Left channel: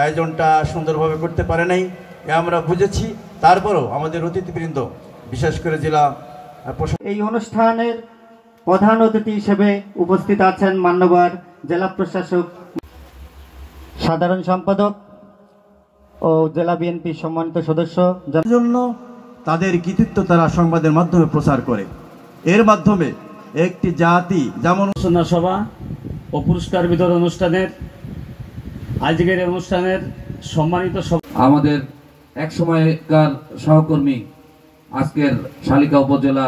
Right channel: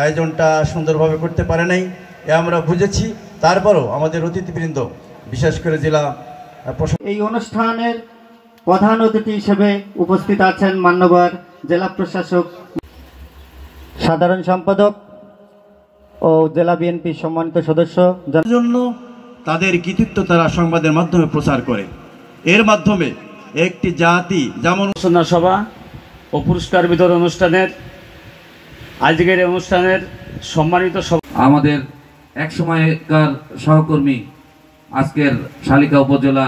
আয়োজনটা সুন্দরভাবে করতে পারে নাই এ আমরা বুঝেছি। তারপরও আমাদের অতিথিবৃন্দ বিশেষ করে জেলা এই অনুষ্ঠানের প্রধান অতিথি হিসেবে উপস্থিত আছেন মান্যবর জেলা প্রশাসক, সাধারণ সম্পাদক ও জেলা বিএনপি সম্মানিত সদস্য। জন্য তাদের কৃতিত্ব তারা সংবাদের মাধ্যমে প্রচার করে। এর মাধ্যমে একটি জাতি যেমন আলোচনা সভা ও পুরস্কার বিতরণ অনুষ্ঠানের আজকের অনুষ্ঠানের সম্মানিত আমাদের এক সময়কার সহকর্মী আজকের শালিকা উপজেলা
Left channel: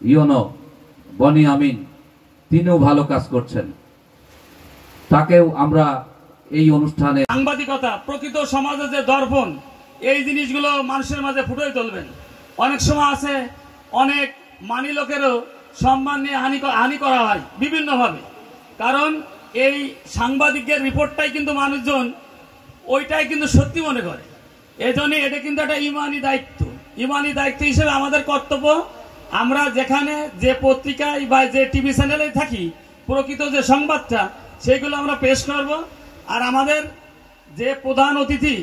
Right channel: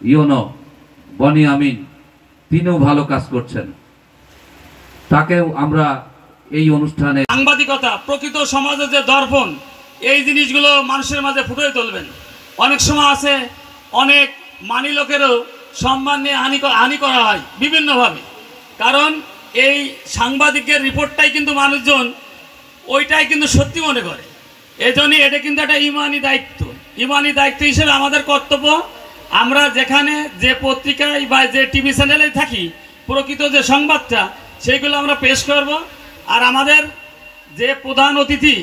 ইউনো বনি আমিন, তিনিও ভালো কাজ করছেন, তাকেও আমরা এই অনুষ্ঠানে সাংবাদিকতা প্রকৃত সমাজে যে দর্পণ, এই জিনিসগুলো মানুষের মাঝে ফুটিয়ে তুলবেন। অনেক সময় আছে অনেক মানি লোকেরও সম্মান নিয়ে হানি করা হয় বিভিন্নভাবে, কারণ এই সাংবাদিকের রিপোর্টটাই কিন্তু মানুষজন ওইটাই কিন্তু সত্যি মনে করে। এই জন্যই এটা কিন্তু একটা ইমানি দায়িত্ব হিসেবে আমাদের কর্তব্য, আমরা যেখানে যে পত্রিকায় বা যে টিভি চ্যানেলে থাকি প্রকৃত যে সংবাদটা সেইগুলো আমরা পেশ করব। আর আমাদের যে প্রধান অতিথি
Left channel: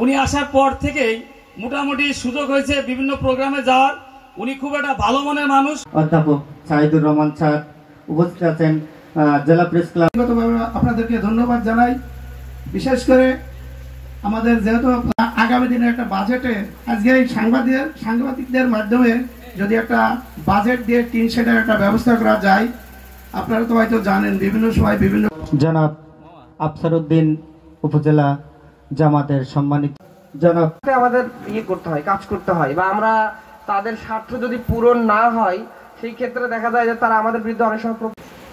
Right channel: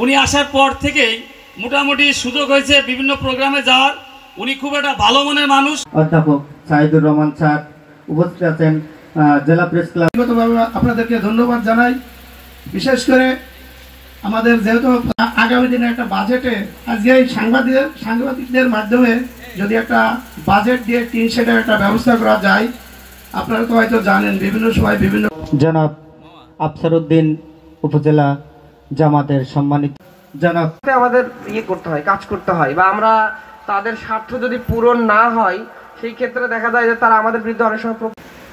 উনি আসার পর থেকেই মোটামুটি সুযোগ হয়েছে বিভিন্ন প্রোগ্রামে যাওয়ার। উনি খুব একটা ভালো মনের মানুষ। অধ্যাপক সাইদুর রহমান স্যার উপস্থিত আছেন জেলা প্রেস ক্লাব। আপনাদেরকে ধন্যবাদ জানাই। বিশেষ করে আমাদের যেহেতু আগামী দিনে একটা বাজেটে আজকে এই সাংবাদিকদের মাধ্যমে যদি একটা বাজেট দিয়ে টিন শেডের একটা ব্যবস্থা করা যায়, আপনারা তো হয়তো জানেন বিভিন্ন সময় বিভিন্ন জনাব আফসারউদ্দিন উপজেলা জামাতের সম্মানিত জনাব, আমাদের করতে হয়, কাজ করতে হয়, বা আমরা তাদের স্বার্থ যদি পূরণ না হয় সেই ক্ষেত্রে দেখা যায় যে তারা আমাদের বিরুদ্ধে অনেক সময়,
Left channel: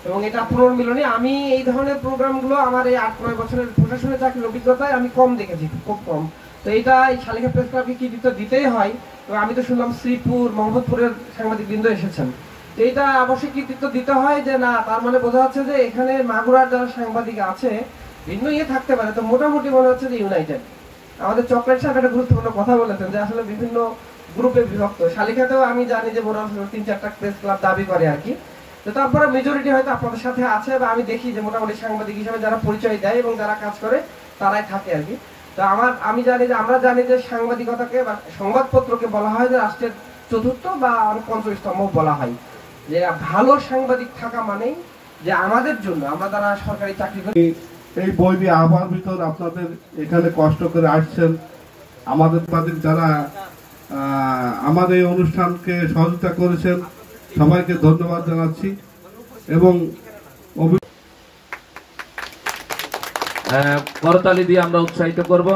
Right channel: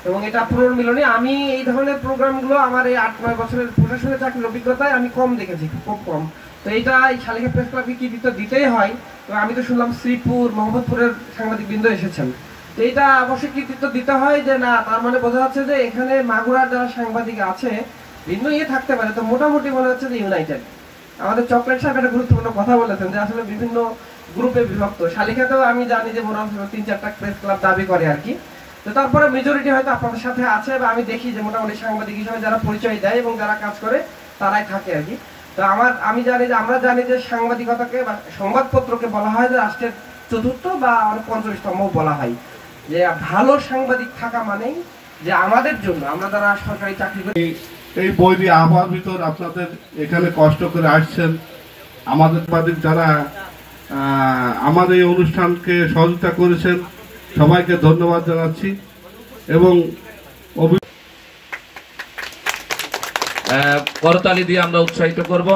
এবং এটা পুনর্মিলনী। আমি এই ধরনের প্রোগ্রামগুলো আমার এই 8-9 বছরের প্রশাসনের চাকরির অভিজ্ঞতায় আমি কম দেখেছি, খুব কম। তো এইটা এই শালিকা প্রেস ক্লাবকে কৃতিত্ব দিতেই হয়। তো আমি তো শুনলাম শ্রীপুর, মোহাম্মদপুরের সাংবাদিকবৃন্দ এসেছেন, তো এইটা অবশ্যই কৃতিত্ব দিতে হয়। যে না, তার মানে বোঝা যাচ্ছে যে এখানে মাগুরার যারা সাংবাদিক আছে ভিন্ন থাকতে পারে, তো মোটামুটি মনে হচ্ছে যে ইউনাইটেড। আমাদের চকলেট সাহেব একটা গুরুত্বপূর্ণ কথা বলেছেন যে আসলে বিভিন্ন গ্রুপে বিভক্ত। শালিকাতেও আমি জানি যে মোটামুটি 3-4টা প্রেস ক্লাব দাবি করে আর কি। তো তারপরে মেজরিটি হয়তো আপনাদের সাথে আছে, বা আমি দেখি যে মোটামুটি সাংবাদিক হিসেবে যারা পরিচয় দেয় এবং যারা কাজ করে তারাই থাকে আর কি। তো আমরা জানি যে সাংবাদিকতাকে বা সংবাদপত্রকে বলা হয় যে রাষ্ট্রের চতুর্থ বা 5ম স্তম্ভ বলা হয়। যে ভালো সাংবাদিক থাকা মানেই যে আমাদের জন্য, আমরা যারা সরকারি চাকরি করি, এই বৈরী আবহাওয়ার ভিতর আপনাদের এখানে কষ্ট করে আসছেন, আমাদের যারা আমাদের এই অনুষ্ঠানকে সহযোগিতা করেছেন সবাইকে ধন্যবাদ জানাচ্ছি। এবং করতালি দিয়ে আমরা উৎসাহিত করব।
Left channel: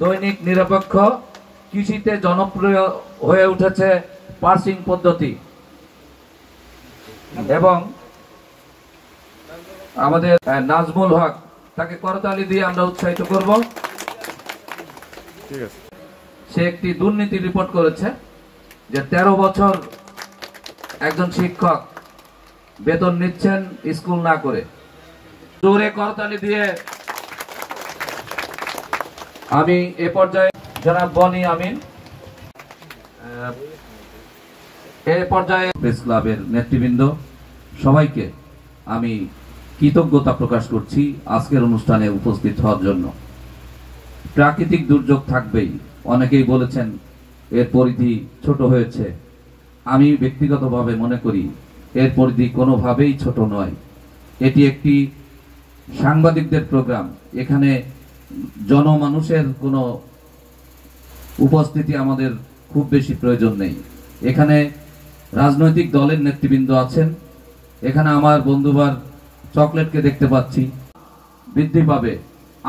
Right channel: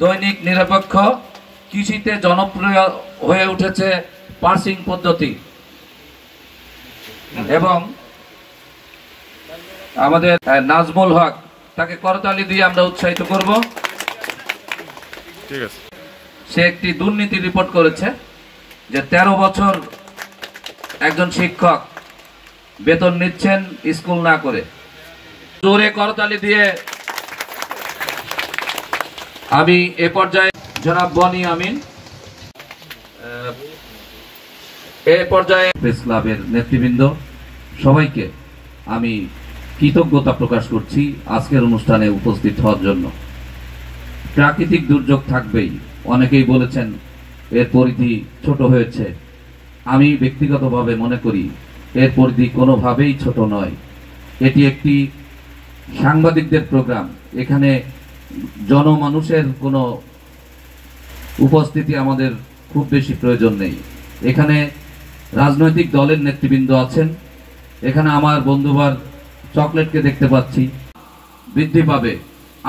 দৈনিক নিরপেক্ষ কৃষিতে জনপ্রিয় হয়ে উঠেছে পার্সিং পদ্ধতি, এবং আমাদের নাজমুল হক, তাকে করতালি দিয়ে আমরা উৎসাহিত করব। ঠিক আছে, সে একটি দুর্নীতি রিপোর্ট করেছে যে 13 বছর একজন শিক্ষক বেতন নিচ্ছেন স্কুল না করে। জোরে করতালি দিয়ে আমি এ পর্যায়ে জনাব বনি আমিন, এ পর্যায়ে প্রেস ক্লাবের নেতৃবৃন্দ সবাইকে আমি কৃতজ্ঞতা প্রকাশ করছি আজকের অনুষ্ঠানে উপস্থিত হওয়ার জন্য। প্রাকৃতিক দুর্যোগ থাকবেই, অনেকেই বলেছেন এর পরিধি ছোট হয়েছে। আমি ব্যক্তিগতভাবে মনে করি এর পরিধি কোনোভাবেই ছোট নয়। এটি একটি সাংবাদিকদের প্রোগ্রাম, এখানে জনমানুষের কোনো উপস্থিতি আমাদের খুব বেশি প্রয়োজন নেই। এখানে রাজনৈতিক দলের নেতৃবৃন্দ আছেন, এখানে আমার বন্ধুবার চকলেটকে দেখতে পাচ্ছি, বৃদ্ধি পাবে।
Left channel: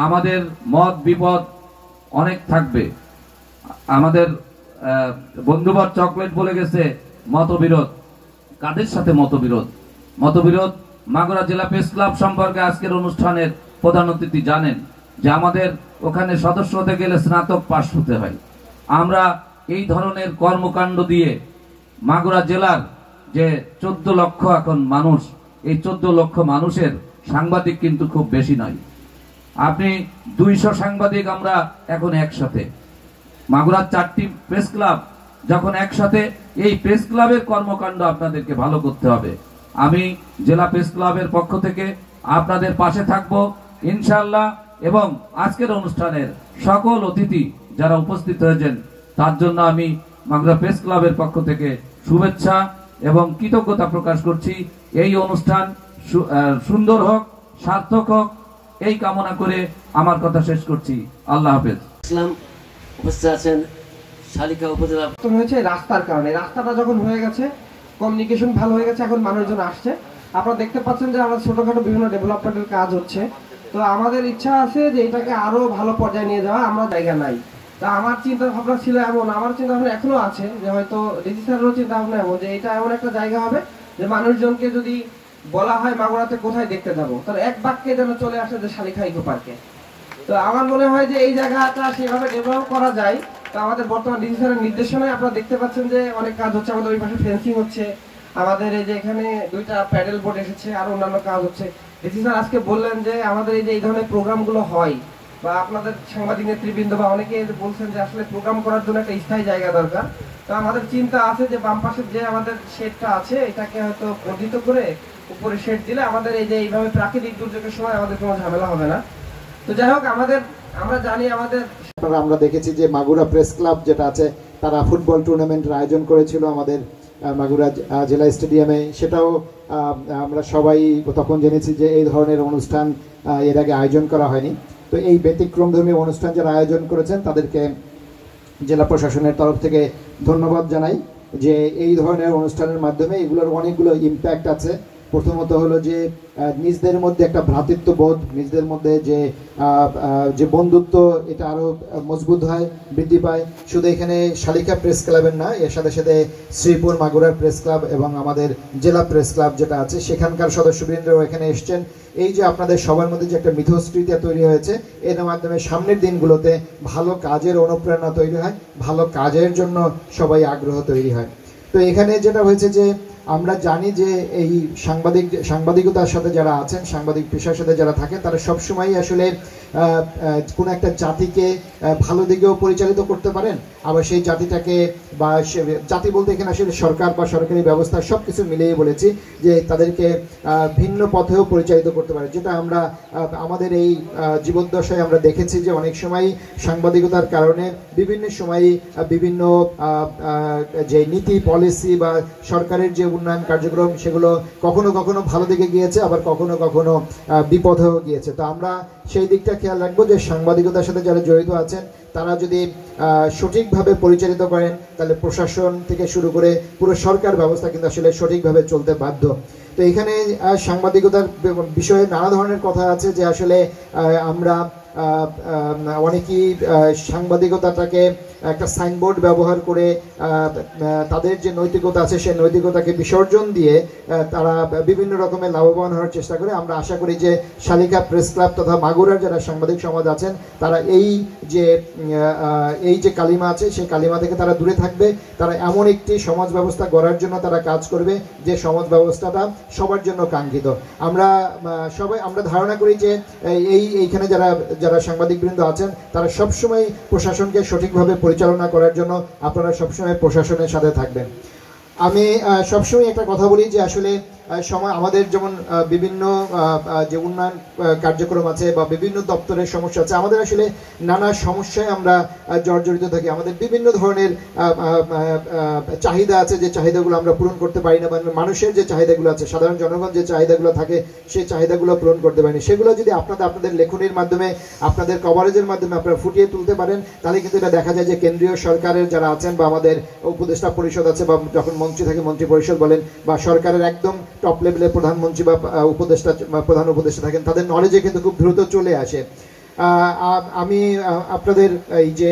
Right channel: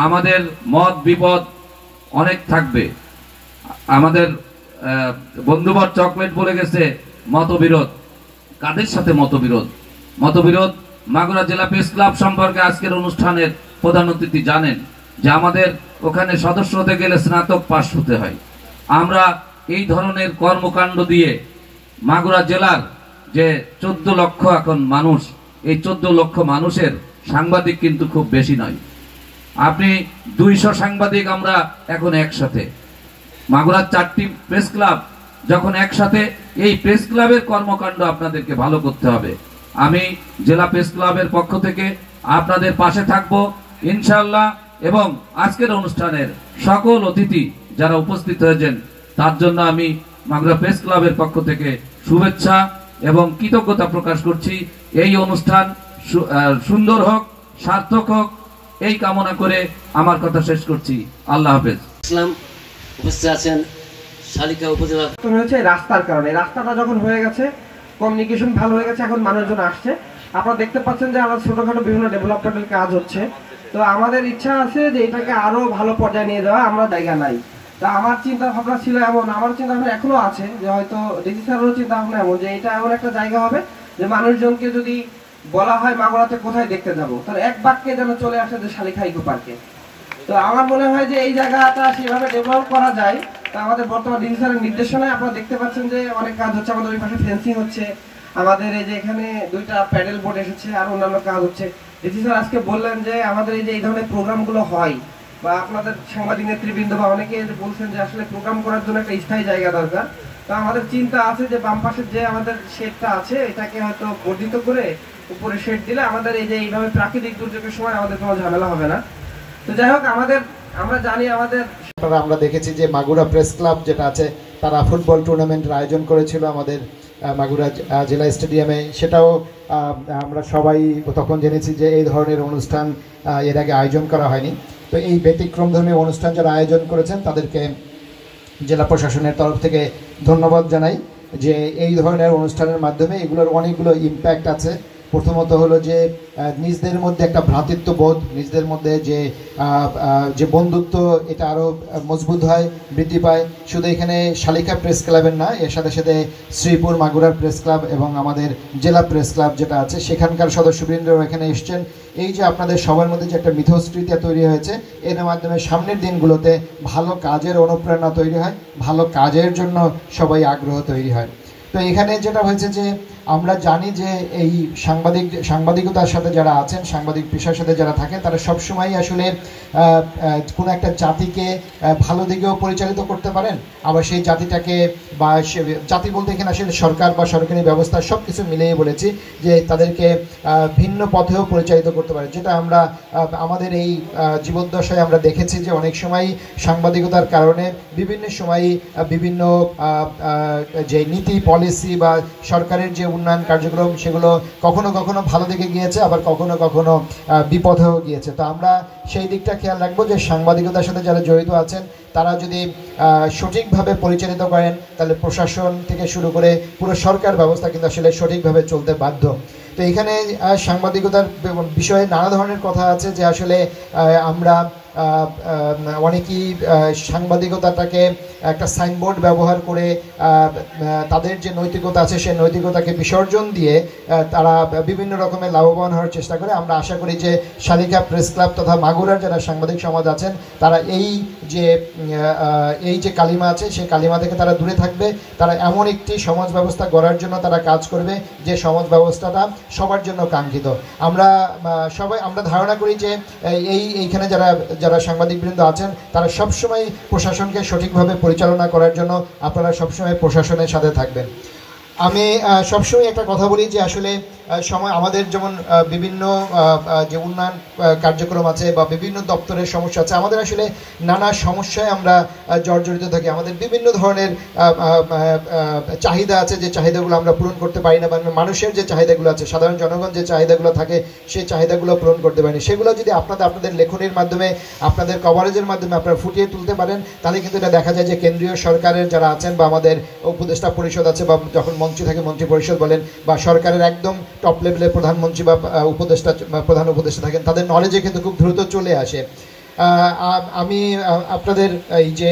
আমাদের মত বিপদ অনেক থাকবে। আমাদের বন্ধুবার চকলেট বলে গেছে মতবিরোধ। কাদের সাথে মতবিরোধ? মাগুরা জেলা প্রেস ক্লাব সম্পর্কে আজকের অনুষ্ঠানের প্রধান অতিথি জানেন যে আমাদের ওখানে সদস্য হতে গেলে স্নাতক পাস হতে হয়। আমরা এই ধরনের কর্মকাণ্ড দিয়ে মাগুরা জেলার যে 14 লক্ষ এখন মানুষ, এই 14 লক্ষ মানুষের সাংবাদিক কিন্তু খুব বেশি নয়। আপনি 200 সাংবাদিক আমরা এখন একসাথে, মাগুরার 4টি প্রেস ক্লাব যখন একসাথে, এই প্রেস ক্লাবের কর্মকাণ্ড আপনাদেরকে ভালো করতে হবে। আমি জেলা প্রেস ক্লাবের পক্ষ থেকে আপনাদের পাশে থাকবো ইনশাআল্লাহ। এবং আজকের অনুষ্ঠানের সকল অতিথি যারা উপস্থিত হয়েছেন তার জন্য আমি মাগুরা প্রেস ক্লাবের পক্ষ থেকে শুভেচ্ছা এবং কৃতজ্ঞতা প্রকাশ করছি। এই অনুষ্ঠান সুন্দর হোক, সার্থক হোক, এই কামনা করে আমার কথা শেষ করছি। আল্লাহ হাফেজ। ইসলাম উপস্থিত আছেন শালিকা উপজেলা হয়েছে রাস্তার কারণে। রাস্তাটা যখন হয়ে গেছে, কমিউনিকেশন ভালো হয়ে গেছে, এখন মানুষজন আসছে। আপনারা দেখতে পাচ্ছেন যে আমরা ছোটখাটো বিভিন্ন ডেভেলপমেন্টের কাজ হচ্ছে। তো আমাদের ইচ্ছা আছে যে এটাকে আরো ভালো পর্যায়ে নিয়ে যাওয়া, আমরা জায়গা নাই। তা আমার চিন্তা ভাবনা ছিল এমন, আমার চিন্তা ভাবনা এখনো আছে যে হয়তো ডিসি স্যারেরও চিন্তা ভাবনা এমন যে এটা এমন একটা জায়গা হবে যে মানুষজনকে যদি বলা হয় মাগুরাতে কোথায় দেখতে যাব, তাহলে এক বাক্যে যেন চলে আসে যে শালিখা ইকো পার্কে। তো আমার মনে হয় যে এই জায়গাটা সেভাবে ডেভেলপ করা যায়। তো আমাদের বর্তমান ডিসি স্যারের নির্দেশনায় আপনারা দেখতে পাচ্ছেন যে অনেক কাজ হচ্ছে। আমাদের ওই পাশে ফেন্সিং হচ্ছে, আমাদের এই যে এখানে 2টা প্যাডেল বোর্ড এসেছে, আর অন্যান্য কাজ হচ্ছে। ডিসি স্যার আজকে বললেন যে আমাদের এই যে এই ধরনের প্রোগ্রামগুলো হয়, বা আপনাদের সাংবাদিক নেতৃবৃন্দ বা অনেকে বলছেন যে আসলে প্রোগ্রাম করার জন্য একটা স্থায়ী জায়গা দরকার। তো আমাদের চিন্তা আছে যে বাম পাশের যে আমাদের শেডটা আছে এটাকে হয়তো বর্ধিত করে উপরে শেড দিলে আমাদের এই যে এইভাবে প্রাকৃতিক দুর্যোগের সময় আমাদের কোনো ঝামেলা হবে না। তো যাই হোক, আমরা জানি আমাদের আমরা দেখেছি যে মাগুরা প্রেস ক্লাব যেটা আছে তারা ফুটবল টুর্নামেন্টের আয়োজন করেছিল আমাদের মাগুরা জেলা স্টেডিয়ামে। সেটাও আমরা সবাই তখন জেনেছি যে এই ধরনের অনুষ্ঠান এর আগে আয়োজন করা হয়নি। তো এই ব্যতিক্রমধর্মী অনুষ্ঠান যারা আয়োজন করেছেন তাদেরকে জেলা প্রশাসনের তরফ থেকে ধন্যবাদ জানাই যে এই ধরনের অনুষ্ঠানের মাধ্যমে এগুলোর অনেকগুলো ইম্প্যাক্ট আছে। প্রথমত হলো যে নিজদের মধ্যে একটা ভ্রাতৃত্ববোধ, নিজদের মধ্যে যে বন্ধুত্ব এটা আরও মজবুত হয়, বৃদ্ধি পায়। শুধু এখানে শালিকা প্রেস ক্লাবের না, এর সাথে সাথে শ্রীপুর মাগুরার প্রেস ক্লাব এবং আমাদের জেলা প্রেস ক্লাব যেটা আছে সেখানকার সদস্যবৃন্দরাও এখানে এসছেন। এই যে আপনাদের সবার মধ্যে যে একটা মিথস্ক্রিয়া তৈরি হয়েছে, এর মাধ্যমে সামনের দিনগুলোতে ভালো কাজের অনুপ্রেরণা তৈরি হয়, ভালো কাজের জন্য সবাই আগ্রহ তৈরি হয়। তো এখানে যেটা হয়েছে যে আমরা জানি যে এই সাংবাদিকতার সাথে যারা আছেন, সাংবাদিক পেশার সাথে যারা থাকেন, তারা সবসময় আসলে কোনো একটা জাতিকে ভালো দিকেও পরিচালিত করতে পারেন, আবার সেই জাতিটাকে বা জাতি বলতে এখানে আসলে সরকার বা সরকারি ব্যবস্থা সব কিছু মিলিয়ে বলেছি যে তাদেরকে ভিন্ন পথেও পরিচালিত করতে পারে। যেটা আমরা আমাদের এই জীবদ্দশায় আমরা দেখেছি যে অনেক সময় সাংবাদিকতার কারণে বিভিন্ন সময় বিভিন্ন যে নীতি পলিসি বা সরকারের যে উন্নয়ন কার্যক্রম সেগুলো কখনো কখনো ভালো দিকে গিয়েছে, আবার কখনো কখনো বিপথেও গিয়েছে। তো আমরা সেই দিকটা খেয়াল রাখবো যে সাংবাদিকতার সাথে যারা জড়িত আছেন তারা যদি সঠিকভাবে পরিচালিত করেন তাহলে প্রশাসন থেকে শুরু করে পুরো সরকার ব্যবস্থা কিন্তু আসলে সঠিকভাবে চলতে বাধ্য। তো এখানে সাংবাদিকতার বিষয়ে নানা ধরনের কথা আছে যে আসলে আমরা অনেকেই সাংবাদিকতাটাকে একটা সাইনবোর্ড ব্যবহার করে তাদের যে নৈতিকতা আছে সেই নৈতিকতাকে বিসর্জন দিয়ে তারা বিভিন্ন রকমের লাভবান হওয়ার চেষ্টা করে। আমরা আশা করি যে শালিকা প্রেস ক্লাব তথা মাগুরার যারা সাংবাদিক সমাজ আছেন তারা এই যে কালিমা আছে সেই কালিমা থেকে তারা দূরে থাকবে। তারা এমন একটি সমাজ ব্যবস্থা গড়ার জন্য তারা কাজ করবে যে সমাজ ব্যবস্থাটা সবার জন্য কাঙ্ক্ষিত। আমরা ধারণা করি যে এইখানে যারা সাংবাদিকবৃন্দ আছেন তারা সবসময় প্রশাসনকে সঠিকভাবে পরিচালনা করার জন্য আপনারা সবসময় প্রশাসনের সাথে থাকবেন। আমি সবসময় একটা কথা বলি যে আসলে সময় আমাদের যেমন বিভিন্ন যে উন্নয়ন কার্যক্রম আছে বা বিভিন্ন দপ্তরের সমস্যা আছে, আমাদের আসলে নানা সমস্যায় আমরা জর্জরিত থাকি। আমাদের বিভিন্ন ধরনের চাহিদা আছে যে চাহিদাগুলো আমরা পূরণ করতে পারি না, বা মানুষের যে চাহিদাগুলো আছে, সাধারণ জনগণ যে চাহিদাগুলো থাকে সেই চাহিদাগুলো পূরণ করতে পারি না। সেগুলো যদি আপনাদের লেখনীর মাধ্যমে, আপনাদের কভারেজের মাধ্যমে আপনারা ফুটিয়ে তুলতে পারেন তাহলে কিন্তু এটা দেখা যায় যে কেন্দ্রীয় সরকারের যারা আছেন বা আমাদের উপদেষ্টা পরিষদ আছে বা যখন মন্ত্রী থাকে মন্ত্রী পরিষদ বলেন, বা সরকারের একদম টপ লেভেলের প্রধানমন্ত্রী বা প্রধান উপদেষ্টা থাকেন, তাদের নলেজে কিন্তু খুব দ্রুত চলে আসে। আমি আপনাদের এই যে